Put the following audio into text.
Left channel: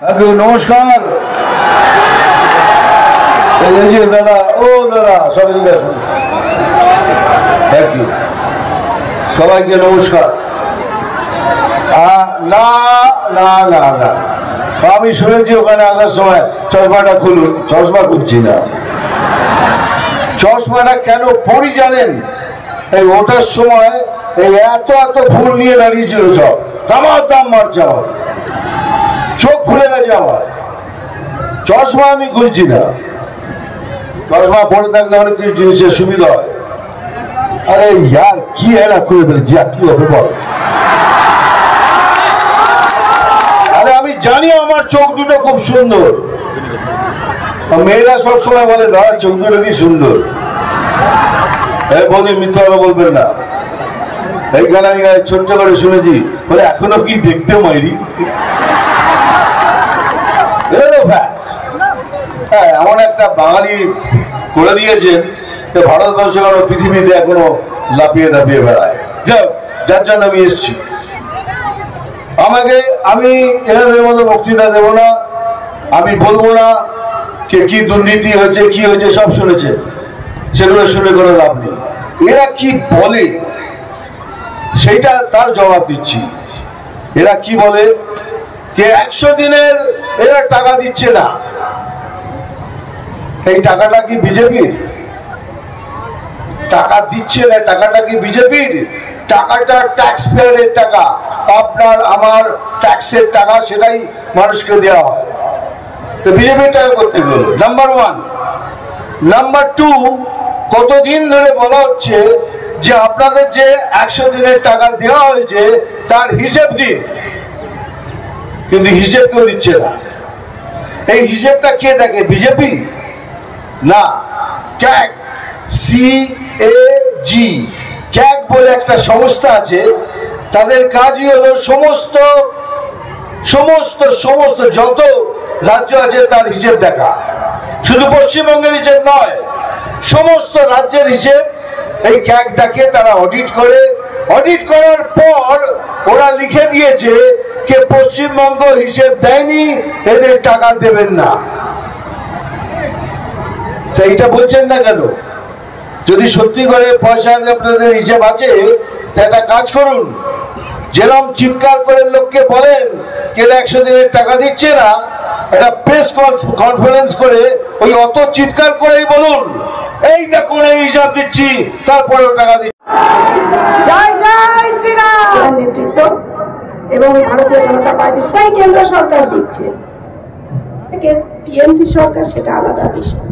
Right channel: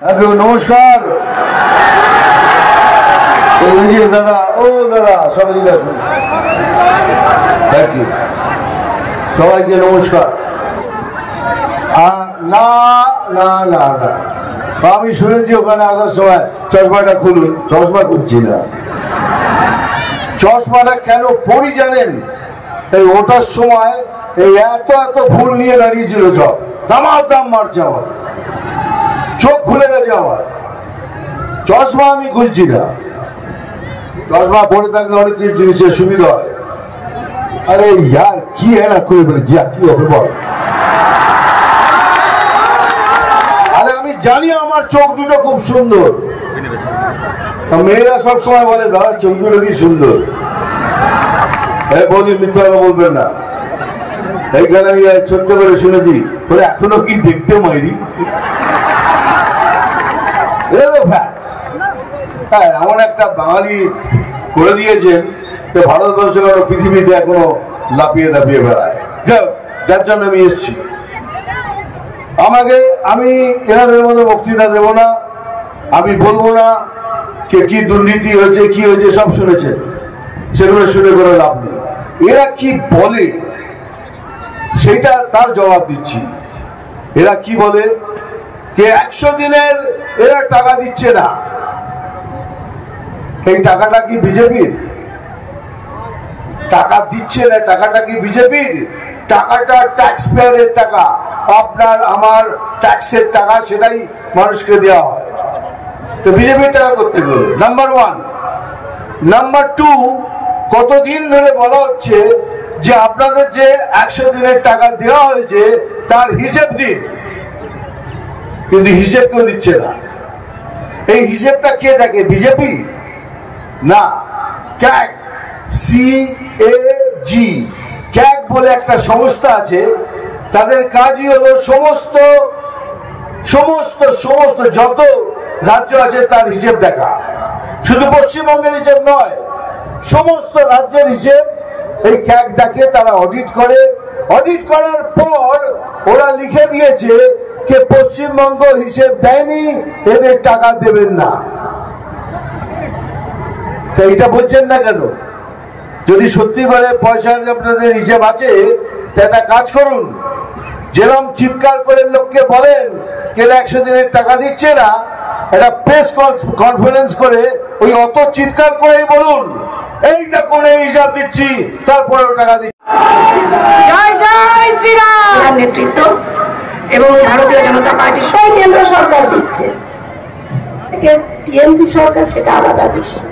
নমস্কার দাদা। ও দাদা সবাই আসুন। থ্যাংক ইউ সবাইকে নমস্কার। না না না না আমি শুনেছি ওখানে আসার সময় চশমাটা খুলুন। চশমা খুলছি না। চশমাটা কেন পরি জানেন? এই ওটার সময় এই এত এত ফুল নিয়ে দাঁড়িয়েছিল, সব দামার দাম মারছে, আমার চোখ খুলে গেছে। আমার চশমা আমি খুলছি না। চশমা পরে থাকলে অনেক কিছু জিনিসের সুবিধা হয়। আরে ইয়ার কি হয় না খুলে ফেলেছি, কি হবে বল? আরে আমি জানি আমার চোখ দুটো খুব সুন্দর। মেয়েরা সবসময় বলে দাদা চোখ দুটো কি সুন্দর। বলি মিথ্যা কথা বলবেন না। এইখানে আমি ছোট্ট করে শুনেছি বলে এখনো কি দেখতে মাইরি। হ্যাঁ এমন একটা বাঙালি করে দিয়েছেন যে ভারতবর্ষের আরো পৃথিবীতে এখনো লাফিয়ে দাপিয়ে বেড়ায়। যার জন্য আমি এসছি। আমি এনাদের মধ্যে বক্তৃতা দেব না। আমি বলবো না কে কি দুর্নীতি হয়েছে কি হয়েছে, সব শুনেছেন, সেগুলো শুনে করে লাভ নেই। এরা কি বলে সেইটা তার জবাব দিচ্ছি। এরা কি বলে কে 100 দিনের এরা টাকা দিচ্ছে না। এই টাকাটা কি বিজেপির? টাকা দিচ্ছে না, টাকাটা কি বিজেপির? টাকাটা ট্যাক্স পেয়ারের টাকা, আপনার আমার ট্যাক্সের টাকা, সেটাই মানুষকে দেওয়া হয়। তো বিজেপির টাকা করতে গেল নাম্বার 1। নাম্বার 2, কতদিন ধরে বলা হচ্ছে যে আপনাদের যে 100 দিনের টাকা দেওয়া হয়েছে তার হিসেব দিন, কিন্তু হিসেব কেউ দিচ্ছে না। এই হিসেবটা কে দেখে? বিজেপি না, ক্যাগ, CAG, ক্যাগ বলে একটা সংস্থা আছে। তাদের কাজই হলো সমস্ত সমস্ত সমস্ত যত রাজ্য আছে তার হিসেব দেখা। শুধু পশ্চিমবঙ্গের হিসেব নয়, সমস্ত রাজ্যের হিসেব এই ক্যাগ দেখে। তারা অডিট করে। অডিট করার পর ওরা লিখে দিয়েছে কে পশ্চিমবঙ্গ হিসেব দেয়নি, এদের টাকা দেবেন না। এইটা বলছেন না কেন? যদি সত্যি করে পয়সার আপনাদের হিসেব আছে তা একটা কাজ করুন, যেরকম চিৎকার করে লোককে বলেন কে 100 দিনের টাকা দিচ্ছে না, একটা প্রেস কনফারেন্স করে ওই অত চিৎকার করেই বলুন এই দেখুন এই হিসাব দিচ্ছি, তারপরেও টাকা দিচ্ছি। জয় জয় শ্রীরাম নেতৃত্ব এবং ভারতীয় জনতা পার্টির কেন্দ্র সরকার দিচ্ছে, টিএমসি সরকার সেটা আলাদা বিষয়।